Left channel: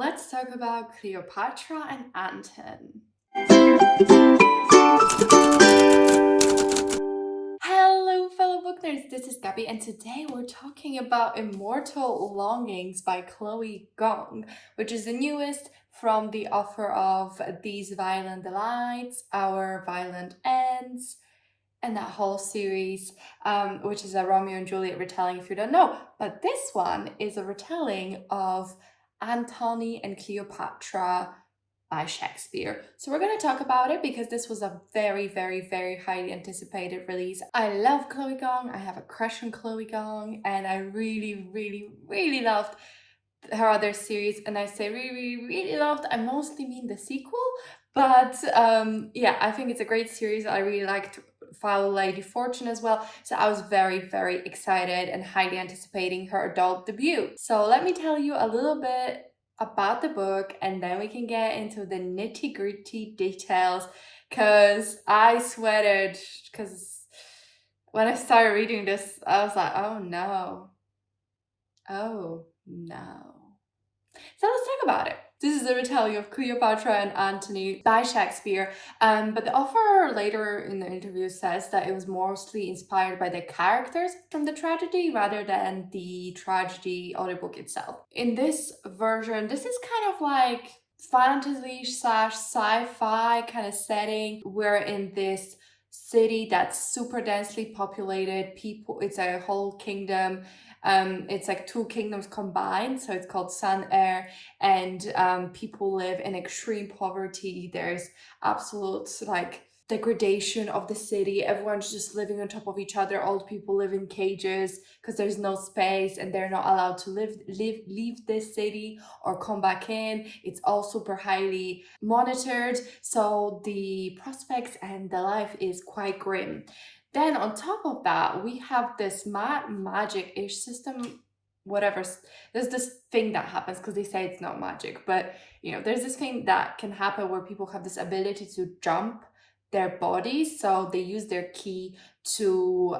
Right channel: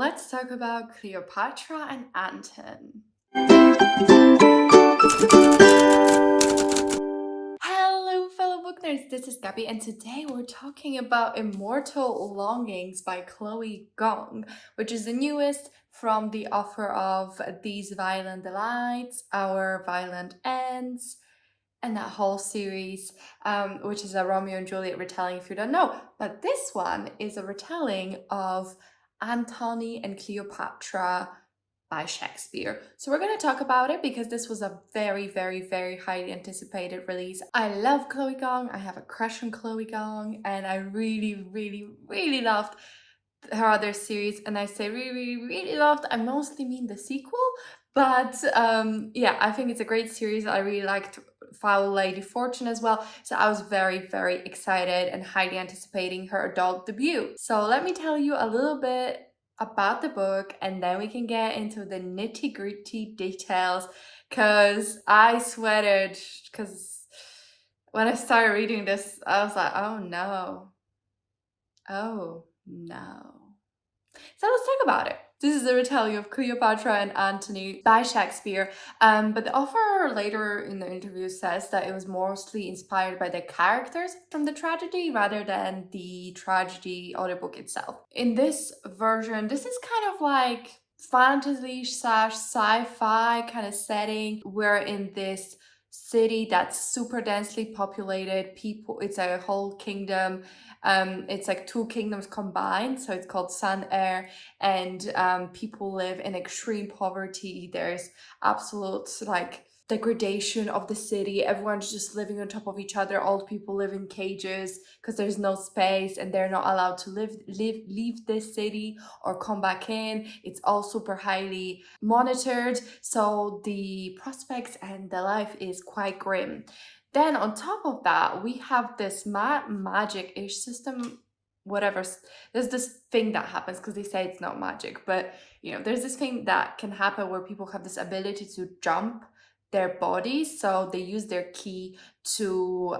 let's talk about Cleopatra and Antony. Hello, fellow book nerds. This is Gabby, and today we're talking about Immortal Longings by Chloe Gong, which is the newest from the author of These Violent Delights, Our Violent Ends, and that whole series, which is a Romeo and Juliet retelling if you don't know. But this one is a retelling of Antony and Cleopatra by Shakespeare. So we're going to talk about it because this was a very, very, very highly anticipated release. I love Chloe Gong. I have a crush on Chloe Gong, and I really, really, really loved her other series. And I say really, really loved, I mostly mean the sequel. But yeah, I think it's a great series. I really liked Foul Lady Fortune as well. So I was very, very excited and highly anticipating her adult debut. So let me tell you a little bit about the book, and then we can get into the nitty-gritty details, because I sweated, because when I started reading this, I was like, oh no. So let's talk about it. This is a retelling of Cleopatra and Antony by Shakespeare, but the author later in the interview says that it was mostly inspired by the characters from the tragedy rather than the tragedy or the book itself. In this version, this is kind of like fantasy/sci-fi kind of setting. We're in this city that's super densely populated. It's a whole kingdom. It's like two kingdoms combined, so it's called Sun Air, and people live in extreme poverty. There's absolute like degradation of the city. Everyone's just living on top of each other. Old people live in cages because there's no space and they're not allowed to leave this city or come back in. It's all super highly monitored, so the prospects and the life is quite grim. Then on top of that, we have this magic-ish system, whatever. There's this thing that happens, because they say it's not magic, but there's this thing that can happen where people have this ability to jump their bodies. So they use their ki to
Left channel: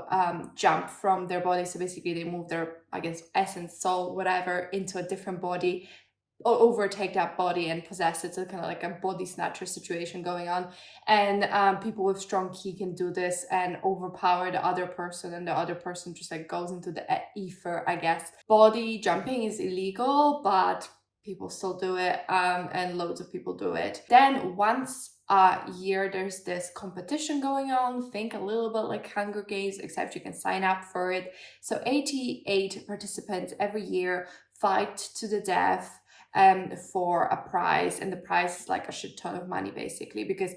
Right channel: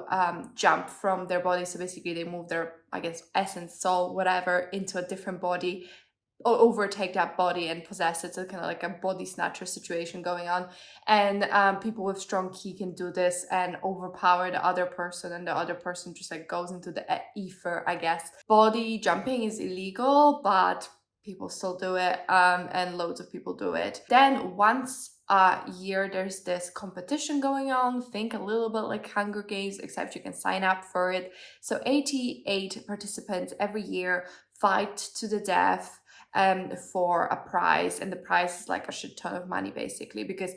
jump from their body. So basically they move their, I guess, essence, soul, whatever, into a different body, or overtake that body and possess it. So kind of like a body snatcher situation going on. And people with strong ki can do this and overpower the other person, and the other person just like goes into the ether, I guess. Body jumping is illegal, but people still do it, and loads of people do it. Then once a year, there's this competition going on. Think a little bit like Hunger Games, except you can sign up for it. So 88 participants every year fight to the death for a prize, and the prize is like a shit ton of money, basically, because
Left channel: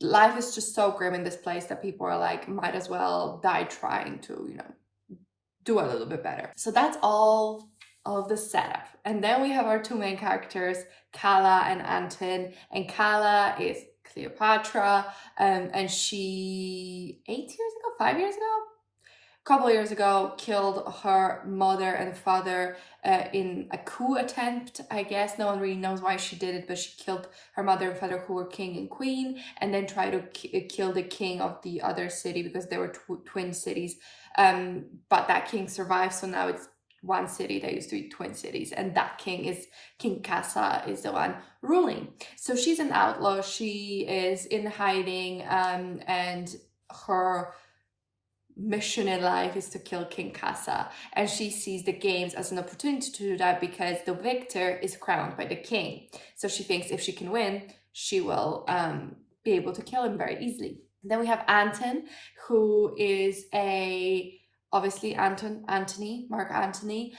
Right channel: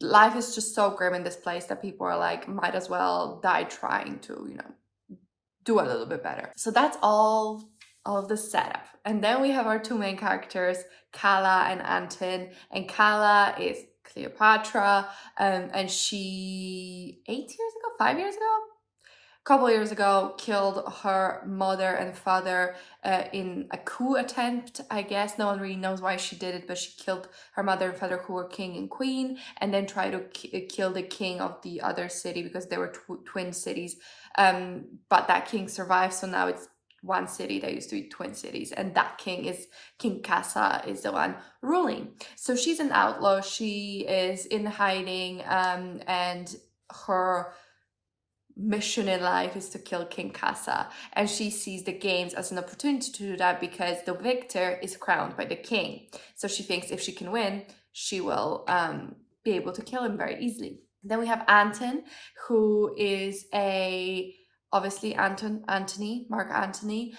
life is just so grim in this place that people are like, might as well die trying to do a little bit better. So that's all of the setup. And then we have our two main characters, Kala and Anton. And Kala is Cleopatra, and she 5 years ago, a couple years ago, killed her mother and father in a coup attempt, I guess. No one really knows why she did it, but she killed her mother and father, who were king and queen, and then tried to kill the king of the other city, because they were twin cities. But that king survived, so now it's one city that used to be twin cities, and that King Kasa is the one ruling. So she's an outlaw. She is in hiding, and her mission in life is to kill King Kasa, and she sees the games as an opportunity to do that, because the victor is crowned by the king. So she thinks if she can win, she will be able to kill him very easily. Then we have Anton, who is obviously Antony, Mark Antony.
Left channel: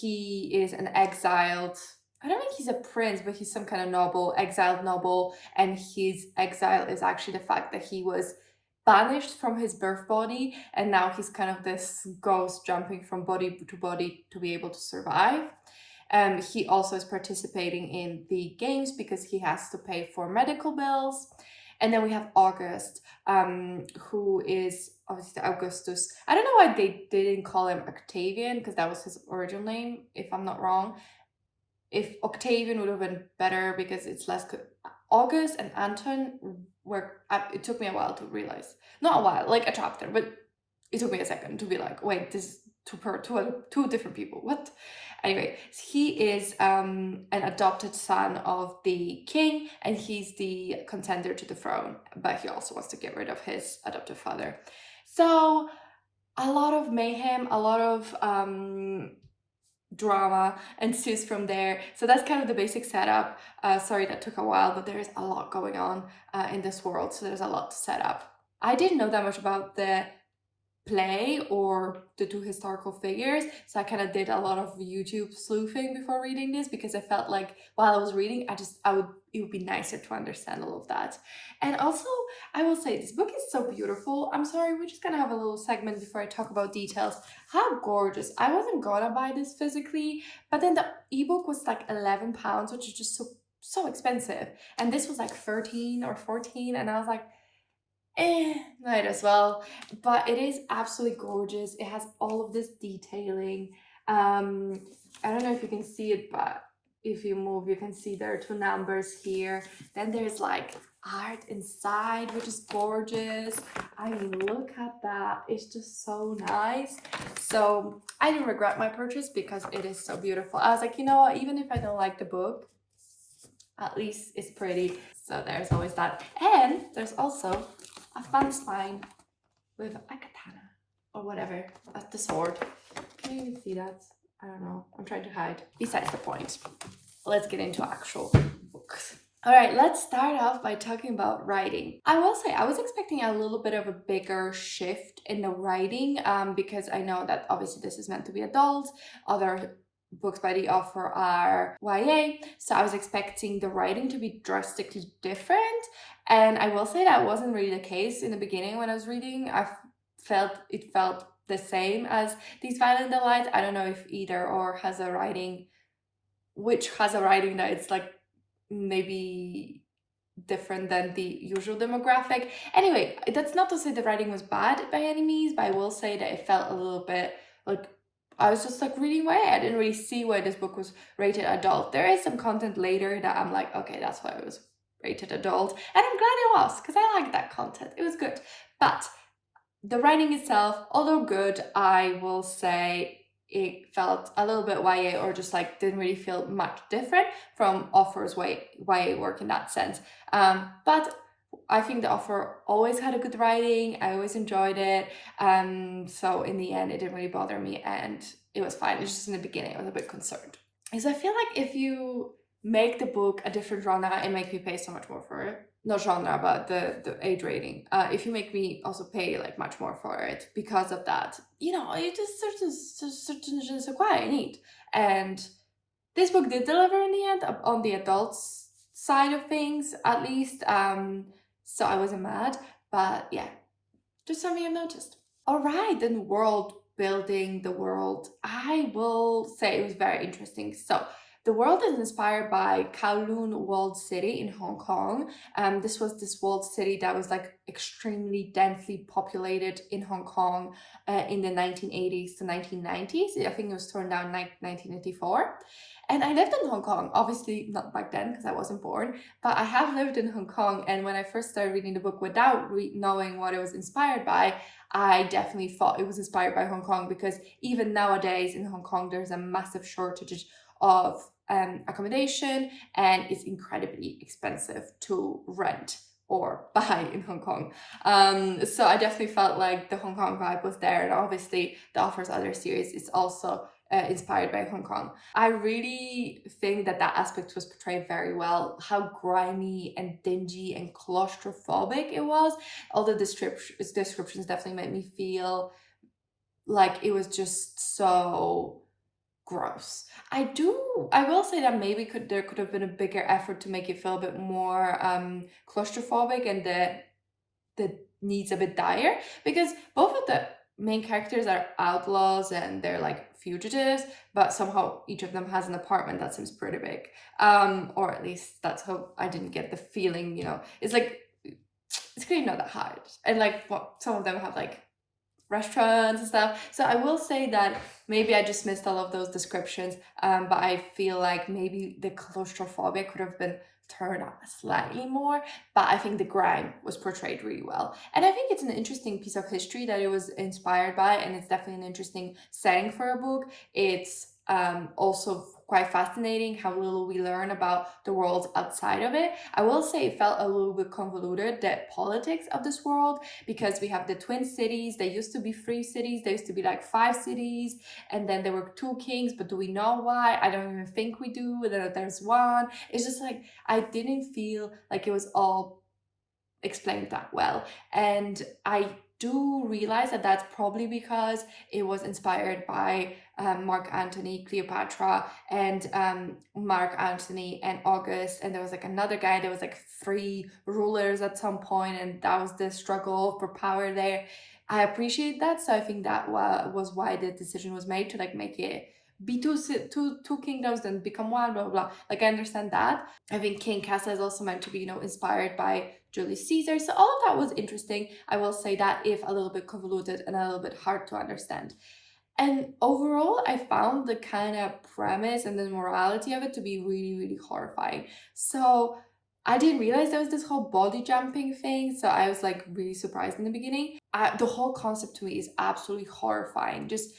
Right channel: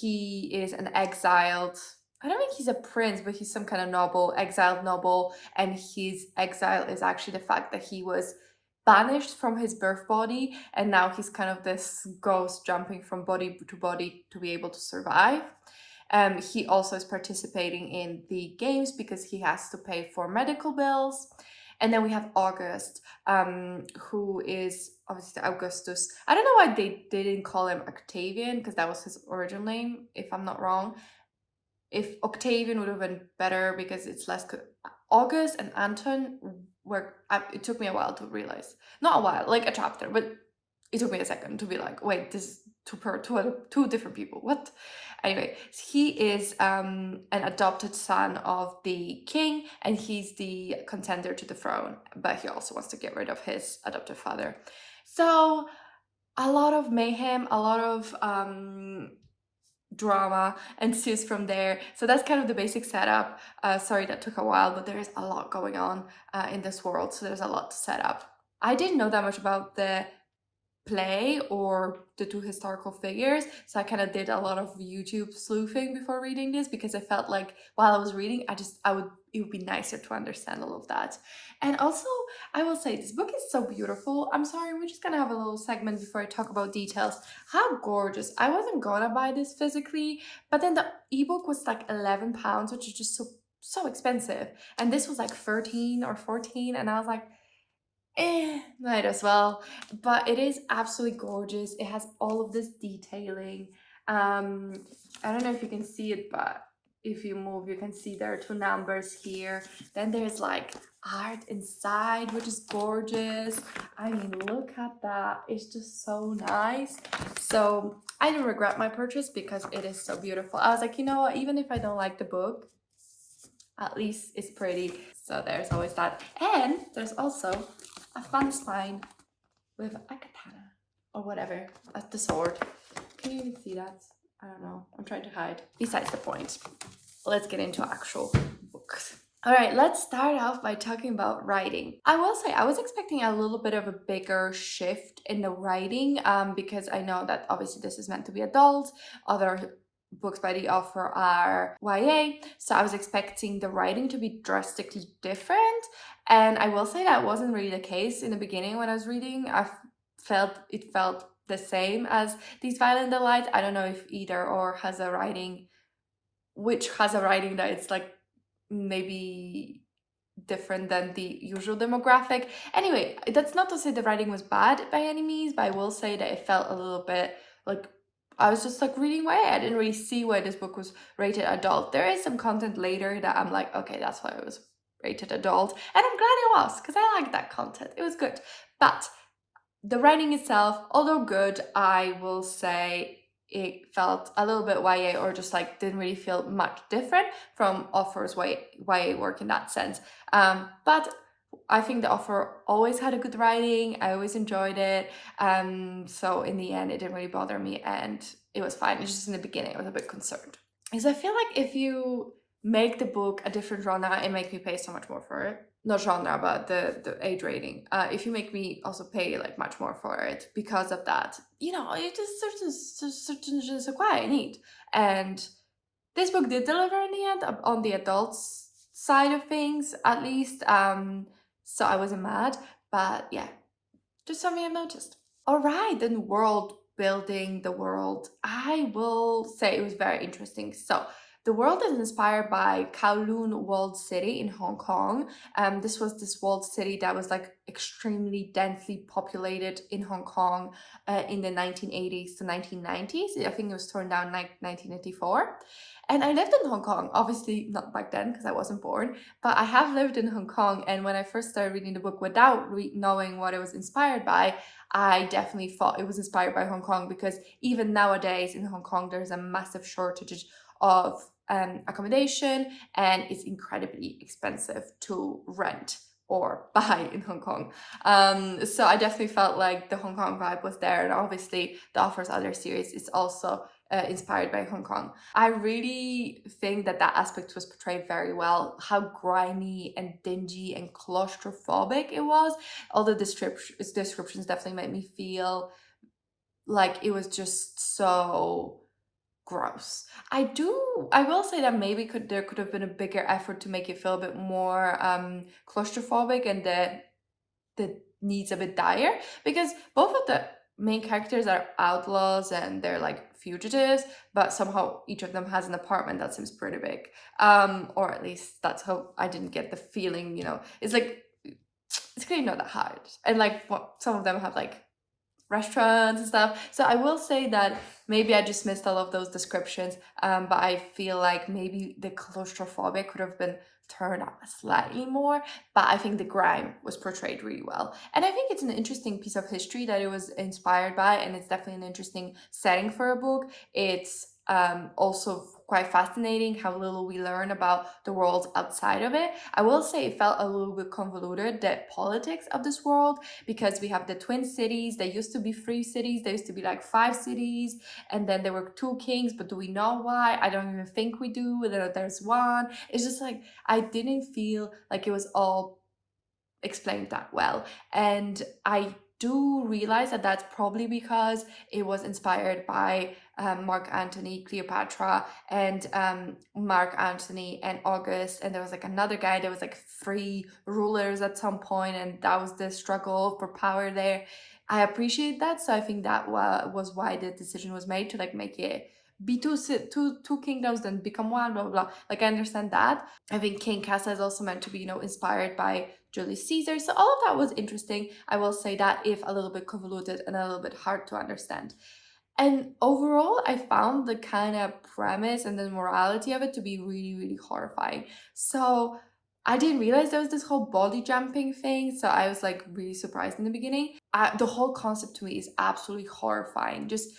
He is an exiled, I don't think he's a prince, but he's some kind of noble, exiled noble, and his exile is actually the fact that he was banished from his birth body, and now he's kind of this ghost jumping from body to body to be able to survive. He also is participating in the games because he has to pay for medical bills. And then we have August, who is obviously Augustus. I don't know why they didn't call him Octavian, because that was his original name, if I'm not wrong. If Octavian would have been better, because it's less August and Anton it took me a while to realize. Not a while, like a chapter, but it took me a second to be like, wait, this is two different people. What? Anyway, he is an adopted son of the king, and he's the contender to the throne, but he also wants to get rid of his adoptive father. So a lot of mayhem, a lot of drama ensues from there. So that's kind of the basic setup. Sorry that took a while, but there is a lot going on in this world, so there's a lot to set up. I didn't know that much about the play or the two historical figures, so I kind of did a lot of YouTube sleuthing before reading this, because I felt like while I was reading, it would be nicer to understand all of that. And also, I will say this book is so beautiful. I'm sorry, we're just gonna have a little segment before I talk about details. How gorgeous. I wasn't gonna buy this physically, but then the ebook was like £11, which is just so expensive, and this was like 13 or 14, and I was like, might as well. But it is absolutely gorgeous. It has all of this detailing. I don't know if you can see it, but if you move, you can see there are two numbers here. Then there's like art inside, which is gorgeous. I mean, look at that. It's just so nice. So I didn't regret my purchase because it is so beautiful. I was like, you know what, even if I don't like the book, at least it's pretty. So there's always that. And there's also a fun spine with a katana or whatever, the sword. Can you even see that? I don't know. I'm trying to hide. Besides the point, let's get into actual books. All right, let's start off by talking about writing. I will say I was expecting a little bit of a bigger shift in the writing because I know that obviously this is meant to be adult. Other books by the author are YA, so I was expecting the writing to be drastically different. And I will say that wasn't really the case in the beginning when I was reading. It felt the same as These Violent Delights. I don't know if either or has a writing, which has a writing that it's like maybe different than the usual demographic. Anyway, that's not to say the writing was bad by any means, but I will say that it felt a little bit like I was just like reading YA. I didn't really see why this book was rated adult. There is some content later that I'm like, okay, that's why it was rated adult. And I'm glad it was, because I liked that content. It was good. But the writing itself, although good, I will say it felt a little bit YA, or just like didn't really feel much different from author's YA work in that sense. But I think the author always had a good writing. I always enjoyed it. So in the end, it didn't really bother me, and it was fine. It's just in the beginning, I was a bit concerned. Because I feel like if you make the book a different genre, it makes me pay so much more for it. Not genre, but the age rating. If you make me also pay like much more for it because of that, you know, it is certain je ne sais quoi I need. And this book did deliver in the end on the adults side of things, at least. So I wasn't mad, but yeah, just something I've noticed. All right, then world building the world. I will say it was very interesting. So the world is inspired by Kowloon Walled City in Hong Kong. This was this walled city that was like extremely densely populated in Hong Kong in the 1980s to 1990s. I think it was torn down like 1984. And I lived in Hong Kong, obviously not back then because I wasn't born, but I have lived in Hong Kong. And when I first started reading the book without knowing what it was inspired by, I definitely thought it was inspired by Hong Kong, because even nowadays in Hong Kong, there's a massive shortage of accommodation, and it's incredibly expensive to rent or buy in Hong Kong. So I definitely felt like the Hong Kong vibe was there, and obviously the author's other series is also inspired by Hong Kong. I really think that aspect was portrayed very well, how grimy and dingy and claustrophobic it was. All the descriptions definitely made me feel like it was just so gross. I will say that maybe there could have been a bigger effort to make it feel a bit more claustrophobic, and the needs a bit dire, because both of the main characters are outlaws and they're like fugitives, but somehow each of them has an apartment that seems pretty big, or at least that's how I didn't get the feeling, you know. It's like it's clearly not that hard, and like some of them have like restaurants and stuff. So I will say that maybe I just missed all of those descriptions, but I feel like maybe the claustrophobia could have been turned up slightly more, but I think the grime was portrayed really well. And I think it's an interesting piece of history that it was inspired by, and it's definitely an interesting setting for a book. It's also quite fascinating how little we learn about the world outside of it. I will say it felt a little bit convoluted, the politics of this world, because we have the twin cities. They used to be three cities. There used to be like five cities, and then there were two kings. But do we know why? I don't even think we do. There's one. It's just like I didn't feel like it was all explained that well. And I do realize that that's probably because it was inspired by Mark Antony, Cleopatra, and Mark Antony and August. And there was like another guy, there was like three rulers at some point, and that was the struggle for power there. I appreciate that. So I think that was why the decision was made to like make it be two kingdoms, then become one, blah, blah, blah. Like, I understand that. I think King Casa is also meant to be, inspired by Julius Caesar. So all of that was interesting. I will say that, if a little bit convoluted and a little bit hard to understand. And overall, I found the kind of premise and the morality of it to be really, really horrifying. So I didn't realize there was this whole body jumping thing. So I was like really surprised in the beginning. The whole concept to me is absolutely horrifying. Just,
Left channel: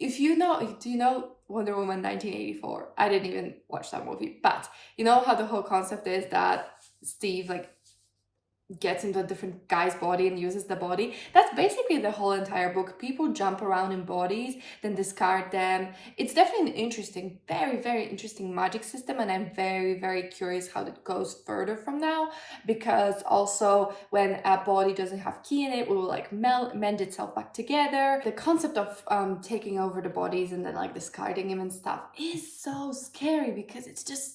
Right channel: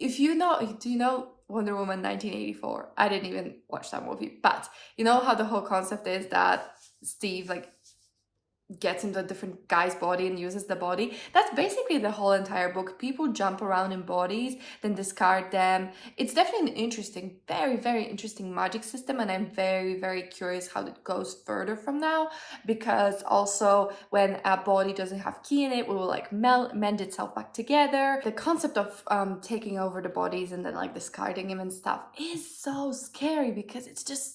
if you know, do you know Wonder Woman 1984? I didn't even watch that movie, but you know how the whole concept is that Steve like gets into a different guy's body and uses the body. That's basically the whole entire book. People jump around in bodies, then discard them. It's definitely an interesting, very, very interesting magic system, and I'm very, very curious how it goes further from now, because also when a body doesn't have ki in it will like mend itself back together. The concept of taking over the bodies and then like discarding them and stuff is so scary, because it's just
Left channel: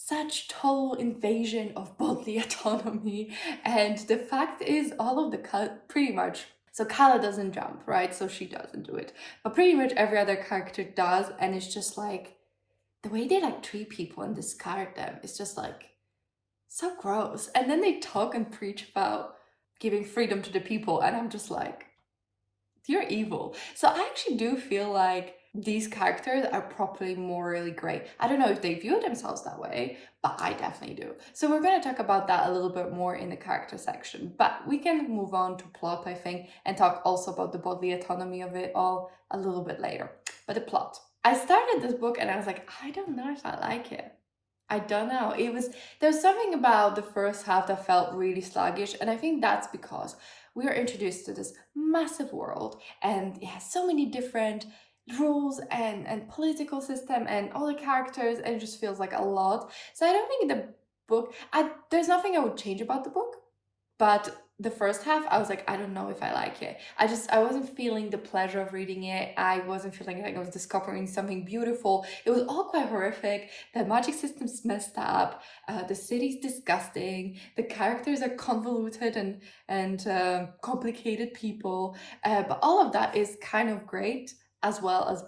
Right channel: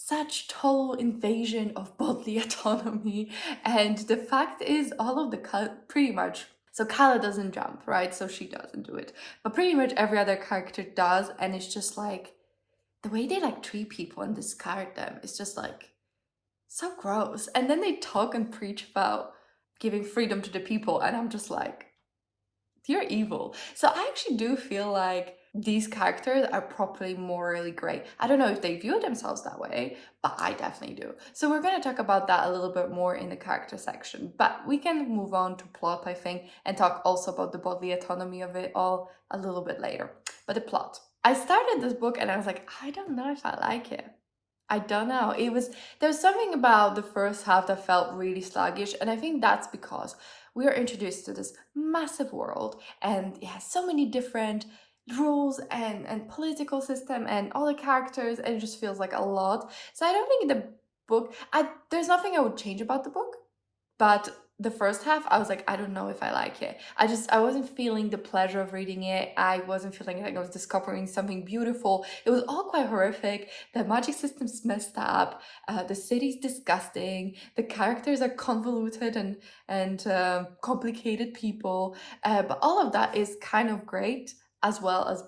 such total invasion of bodily autonomy. And the fact is, all of the pretty much, so Kala doesn't jump, right? So she doesn't do it, but pretty much every other character does. And it's just like the way they like treat people and discard them is just like so gross. And then they talk and preach about giving freedom to the people, and I'm just like, you're evil. So I actually do feel like these characters are properly morally great. I don't know if they view themselves that way, but I definitely do. So we're going to talk about that a little bit more in the character section, but we can move on to plot, I think, and talk also about the bodily autonomy of it all a little bit later. But the plot. I started this book and I was like, I don't know if I like it. I don't know. There was something about the first half that felt really sluggish, and I think that's because we are introduced to this massive world, and it has so many different rules and political system and all the characters, and it just feels like a lot. So I don't think the book, there's nothing I would change about the book, but the first half, I was like, I don't know if I like it. I wasn't feeling the pleasure of reading it. I wasn't feeling like I was discovering something beautiful. It was all quite horrific. The magic system's messed up. The city's disgusting. The characters are convoluted and complicated people. But all of that is kind of great, as well as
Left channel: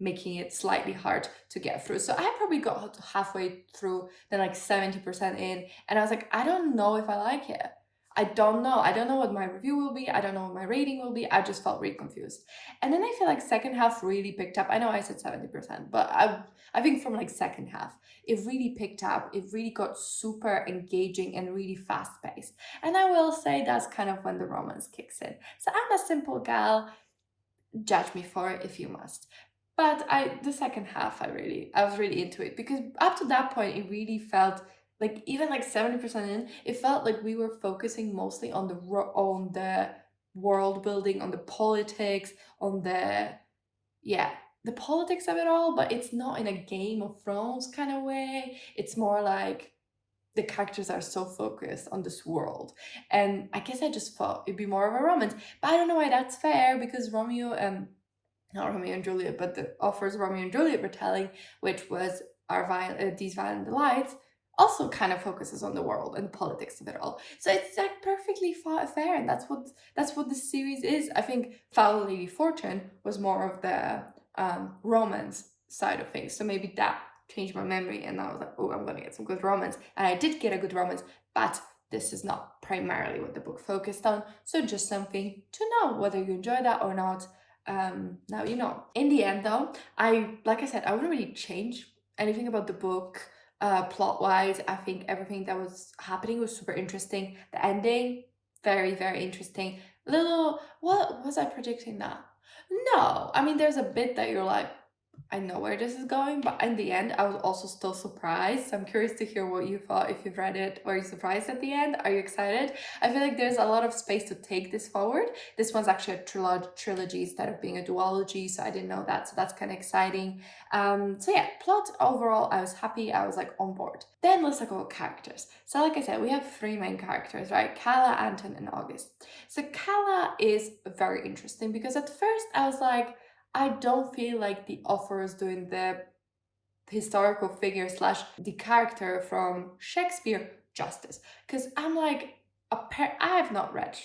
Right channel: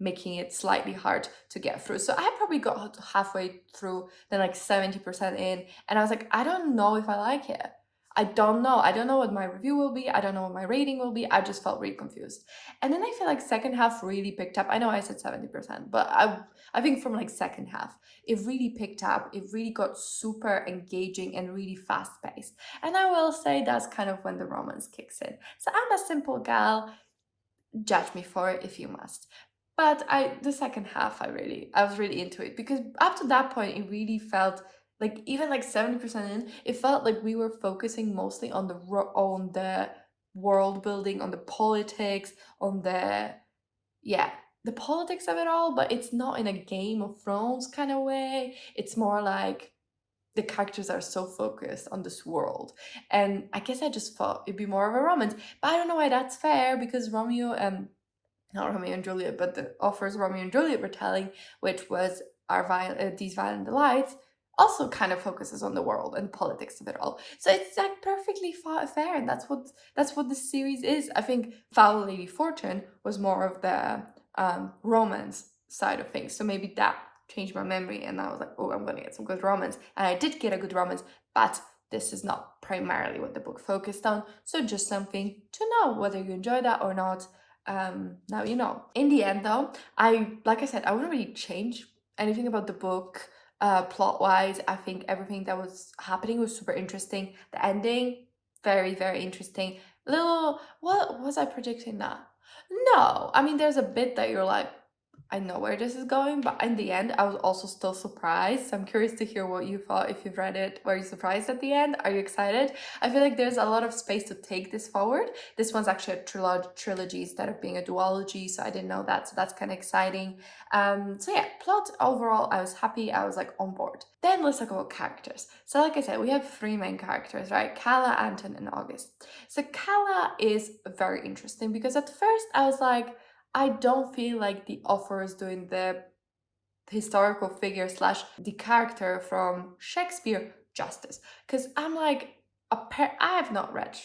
making it slightly hard to get through. So I probably got halfway through, then like 70% in, and I was like, I don't know if I like it. I don't know. I don't know what my review will be. I don't know what my rating will be. I just felt really confused. And then I feel like second half really picked up. I know I said 70%, but I think from like second half, it really picked up. It really got super engaging and really fast paced. And I will say that's kind of when the romance kicks in. So I'm a simple gal. Judge me for it if you must. But the second half, I was really into it, because up to that point, it really felt like, even like 70% in, it felt like we were focusing mostly on the world building, on the politics, on the politics of it all. But it's not in a Game of Thrones kind of way. It's more like the characters are so focused on this world, and I guess I just thought it'd be more of a romance. But I don't know why that's fair, because not Romeo and Juliet, but the author's Romeo and Juliet retelling, which was These Violent Delights, also kind of focuses on the world and the politics of it all. So it's like perfectly fair, and that's what this series is. I think Foul Lady Fortune was more of the romance side of things, so maybe that changed my memory, and I was like, oh, I'm gonna get some good romance, and I did get a good romance, but this is not primarily what the book focused on. So just something to know, whether you enjoy that or not. Now you know. In the end, though, like I said, I wouldn't really change anything about the book. Plot wise, I think everything that was happening was super interesting. The ending, very, very interesting. What was I predicting that? No, I mean, there's a bit that you're like, I know where this is going, but in the end, I was also still surprised. So I'm curious to hear what you thought. If you've read it, were you surprised at the end? Are you excited? I feel like there's a lot of space to take this forward. This one's actually a trilogy instead of being a duology, so I didn't know that. So that's kind of exciting. So yeah, plot overall, I was happy. I was like on board. Then let's talk about characters. So like I said, we have three main characters, right? Calla, Anton, and August. So Calla is very interesting because at first I was like, I don't feel like the author is doing the historical figure slash the character from Shakespeare justice. Because I'm like, I have not read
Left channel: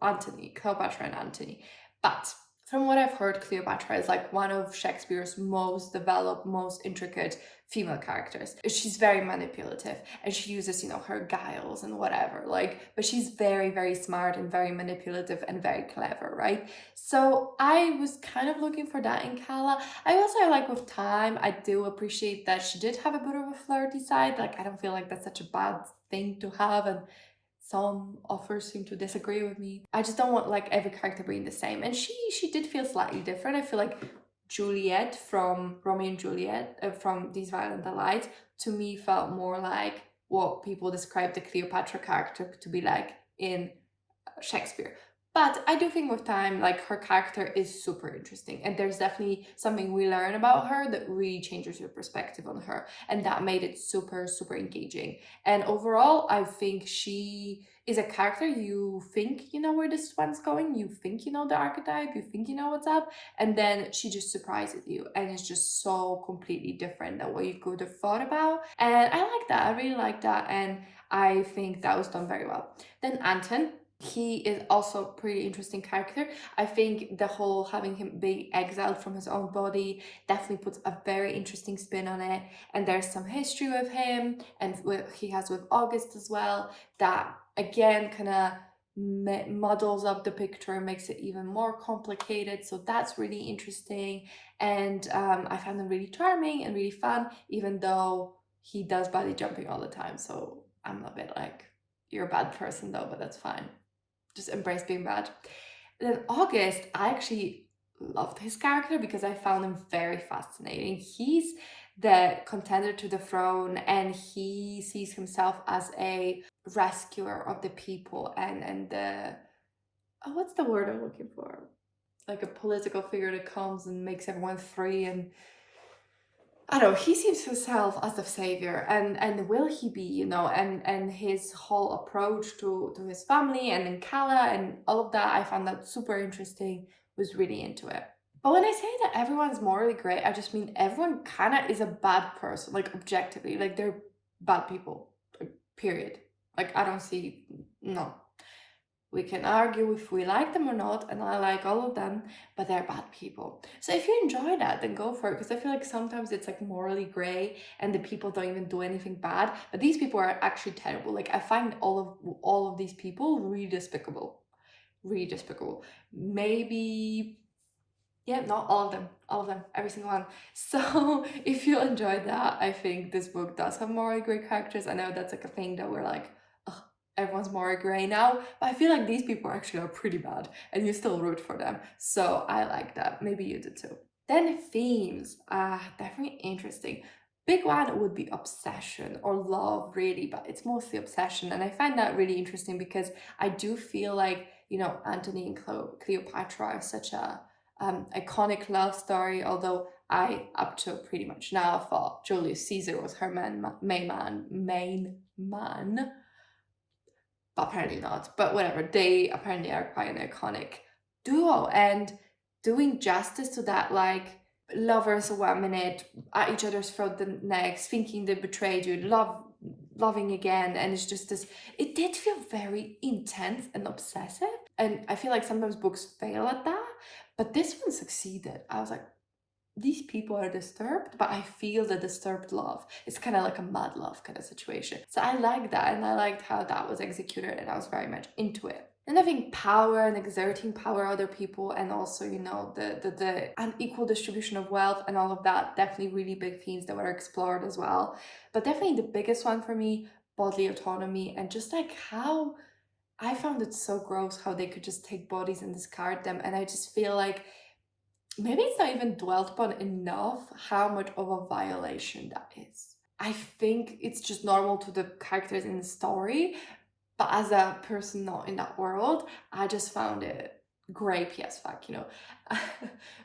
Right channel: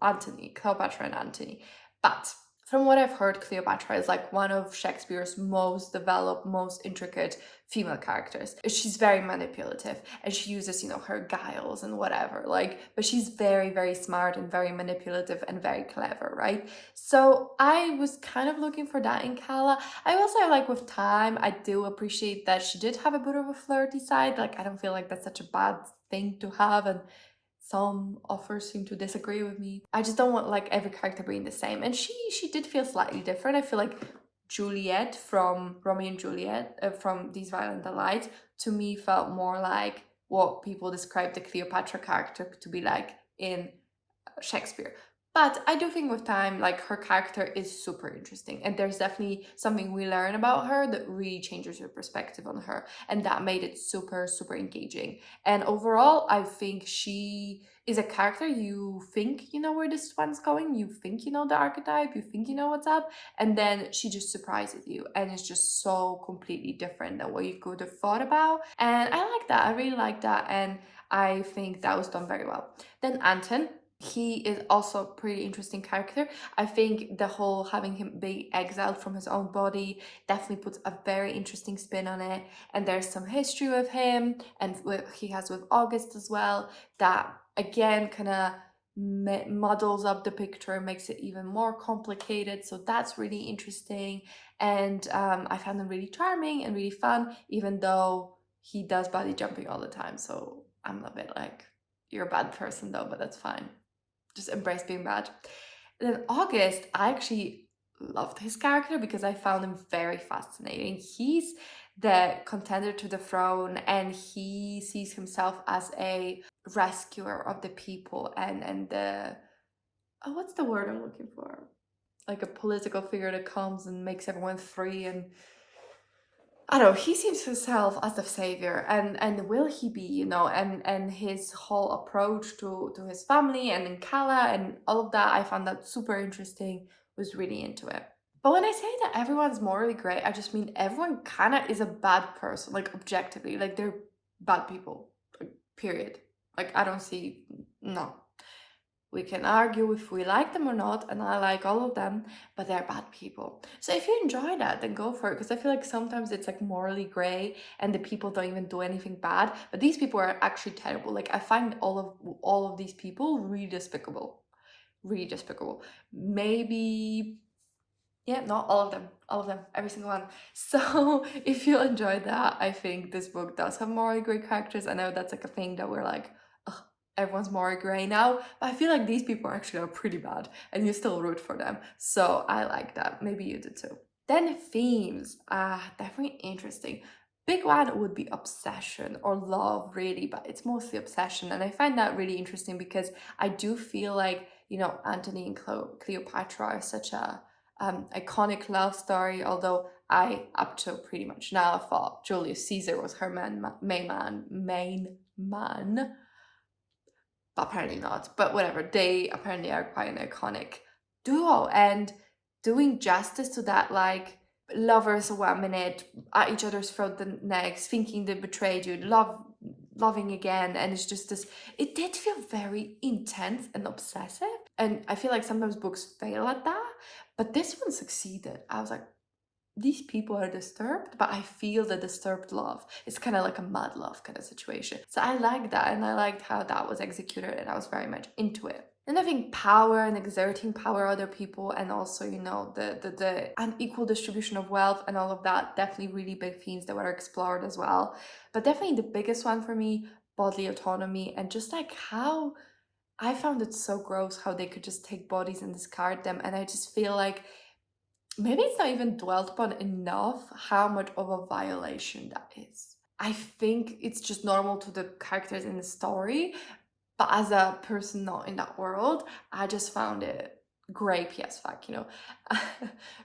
Antony, Cleopatra and Antony, but from what I've heard, Cleopatra is like one of Shakespeare's most developed, most intricate female characters. She's very manipulative and she uses, her guiles and whatever, but she's very, very smart and very manipulative and very clever, right? So I was kind of looking for that in Calla. I also like with time, I do appreciate that she did have a bit of a flirty side. Like, I don't feel like that's such a bad thing to have, and some authors seem to disagree with me. I just don't want like every character being the same. And she did feel slightly different. I feel like Juliet from Romeo and Juliet, from These Violent Delights, to me felt more like what people describe the Cleopatra character to be like in Shakespeare. But I do think with time, like, her character is super interesting, and there's definitely something we learn about her that really changes your perspective on her, and that made it super, super engaging. And overall, I think she is a character you think you know where this one's going, you think you know the archetype, you think you know what's up, and then she just surprises you, and it's just so completely different than what you could have thought about. And I like that. I really like that, and I think that was done very well. Then Anton, he is also a pretty interesting character. I think the whole having him be exiled from his own body definitely puts a very interesting spin on it. And there's some history with him, and he has with August as well, that again kind of muddles up the picture, makes it even more complicated. So that's really interesting. And I found him really charming and really fun, even though he does body jumping all the time. So I'm a bit like, you're a bad person though, but that's fine. Just embrace being bad. And then August, I actually loved his character because I found him very fascinating. He's the contender to the throne, and he sees himself as a rescuer of the people, and the what's the word I'm looking for? Like a political figure that comes and makes everyone free, and I don't know, he sees himself as the savior, and will he be, and his whole approach to his family and in Kala and all of that, I found that super interesting, was really into it. But when I say that everyone's morally great, I just mean everyone kind of is a bad person, like objectively, like they're bad people, like, period. Like, I don't see, no. We can argue if we like them or not, and I like all of them, but they're bad people. So if you enjoy that, then go for it, because I feel like sometimes it's like morally gray and the people don't even do anything bad, but these people are actually terrible. Like, I find all of these people really despicable. Really despicable. Maybe, yeah, not all of them, every single one. So if you enjoyed that, I think this book does have morally great characters. I know that's like a thing that we're like, ugh, everyone's morally gray now, but I feel like these people actually are pretty bad, and you still root for them. So I like that. Maybe you do too. Then themes, definitely interesting. Big one would be obsession or love, really, but it's mostly obsession, and I find that really interesting because I do feel like, Antony and Cleopatra are such a iconic love story, although I, up to pretty much now, thought Julius Caesar was her main man, but apparently not. But whatever, they apparently are quite an iconic duo, and doing justice to that, like, lovers 1 minute at each other's throat the next, thinking they betrayed you, loving again, and it's just this, it did feel very intense and obsessive, and I feel like sometimes books fail at that, but this one succeeded. I was like, these people are disturbed, but I feel the disturbed love. It's kind of like a mad love kind of situation. So I like that, and I liked how that was executed, and I was very much into it. And I think power and exerting power other people, and also, the unequal distribution of wealth and all of that, definitely really big themes that were explored as well. But definitely the biggest one for me, bodily autonomy, and just like how I found it so gross how they could just take bodies and discard them. And I just feel like maybe it's not even dwelt upon enough how much of a violation that is. I think it's just normal to the characters in the story, but as a person not in that world, I just found it grapey as fuck, you know.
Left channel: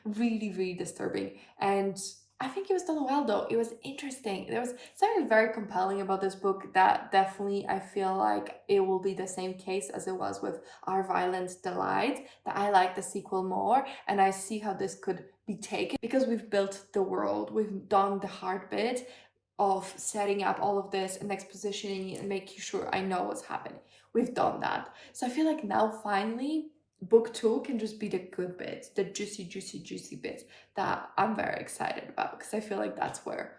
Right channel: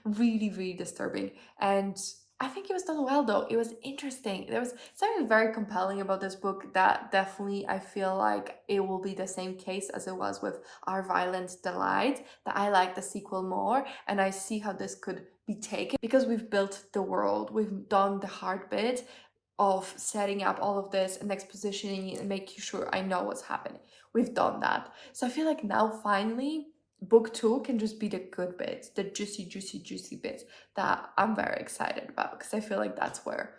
Really, really disturbing. And I think it was done well though. It was interesting. There was something very compelling about this book that definitely I feel like it will be the same case as it was with Our Violent Delight, that I like the sequel more and I see how this could be taken because we've built the world, we've done the hard bit of setting up all of this and expositioning and making sure I know what's happening. We've done that. So I feel like now finally book 2 can just be the good bits, the juicy, juicy, juicy bits that I'm very excited about because I feel like that's where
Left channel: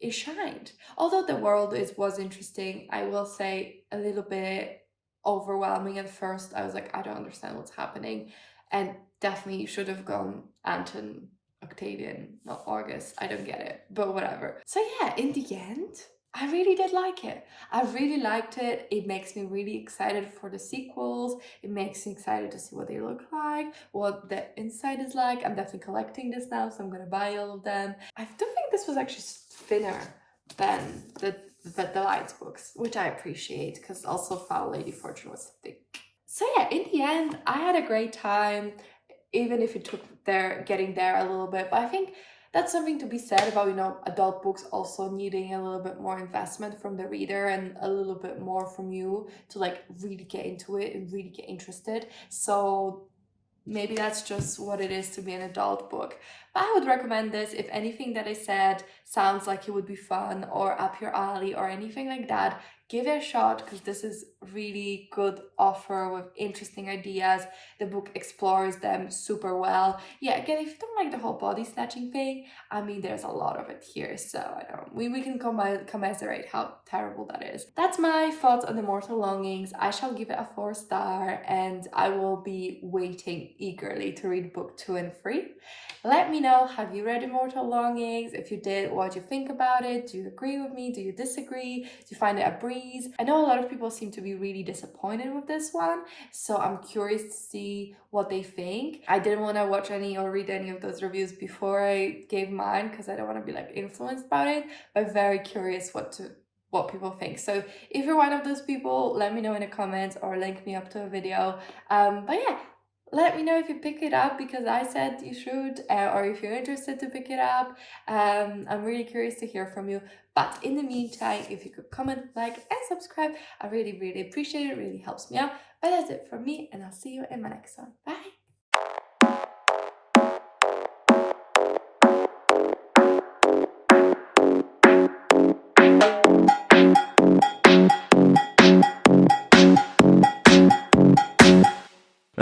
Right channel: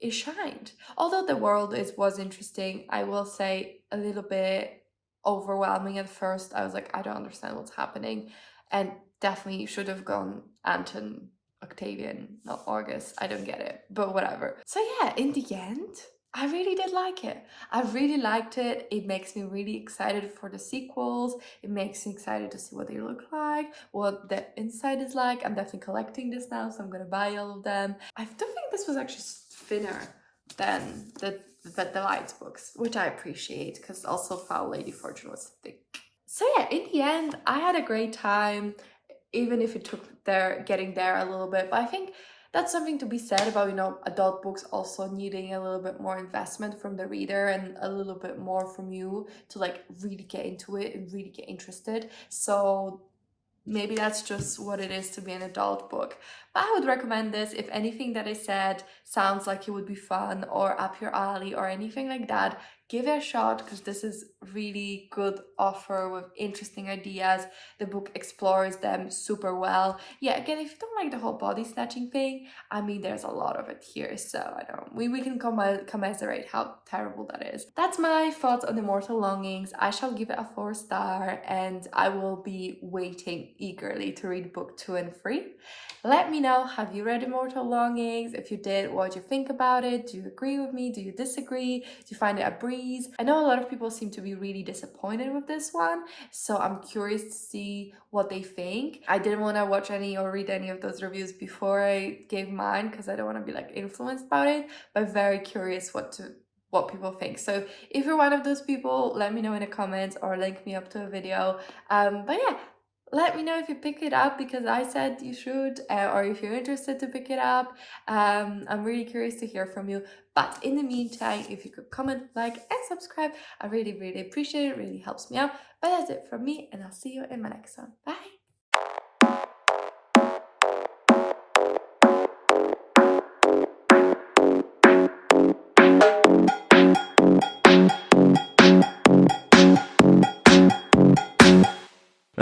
it shined. Although the world was interesting, I will say a little bit overwhelming at first. I was like, I don't understand what's happening. And definitely should have gone Anton, Octavian, not August. I don't get it, but whatever. So yeah, in the end, I really did like it. I really liked it. It makes me really excited for the sequels. It makes me excited to see what they look like, what the inside is like. I'm definitely collecting this now, so I'm gonna buy all of them. I don't think this was actually thinner than the Lights books, which I appreciate because also Foul Lady Fortune was thick. So yeah, in the end, I had a great time, even if it took getting there a little bit. But I think that's something to be said about, you know, adult books also needing a little bit more investment from the reader and a little bit more from you to like really get into it and really get interested. So maybe that's just what it is to be an adult book. But I would recommend this if anything that I said sounds like it would be fun or up your alley or anything like that. Give it a shot because this is really good offer with interesting ideas. The book explores them super well. Yeah, again, if you don't like the whole body snatching thing, I mean, there's a lot of it here, so I don't. We can commiserate how terrible that is. That's my thoughts on Immortal Longings. I shall give it a 4-star, and I will be waiting eagerly to read book 2 and 3. Let me know, have you read Immortal Longings? If you did, what do you think about it? Do you agree with me? Do you disagree? Do you find it a breeze? I know a lot of people seem to be really disappointed with this one, so I'm curious to see what they think. I didn't want to watch any or read any of those reviews before I gave mine because I don't want to be like influenced by it, but very curious what people think. So if you're one of those people, let me know in the comments or link me up to a video. But yeah, let me know if you pick it up because I said you should, or if you're interested to pick it up. I'm really curious to hear from you. But in the meantime, if you could comment, like, and subscribe, I really, really appreciate it. It really helps me out. But that's it from me, and I'll see you in my next one. Bye!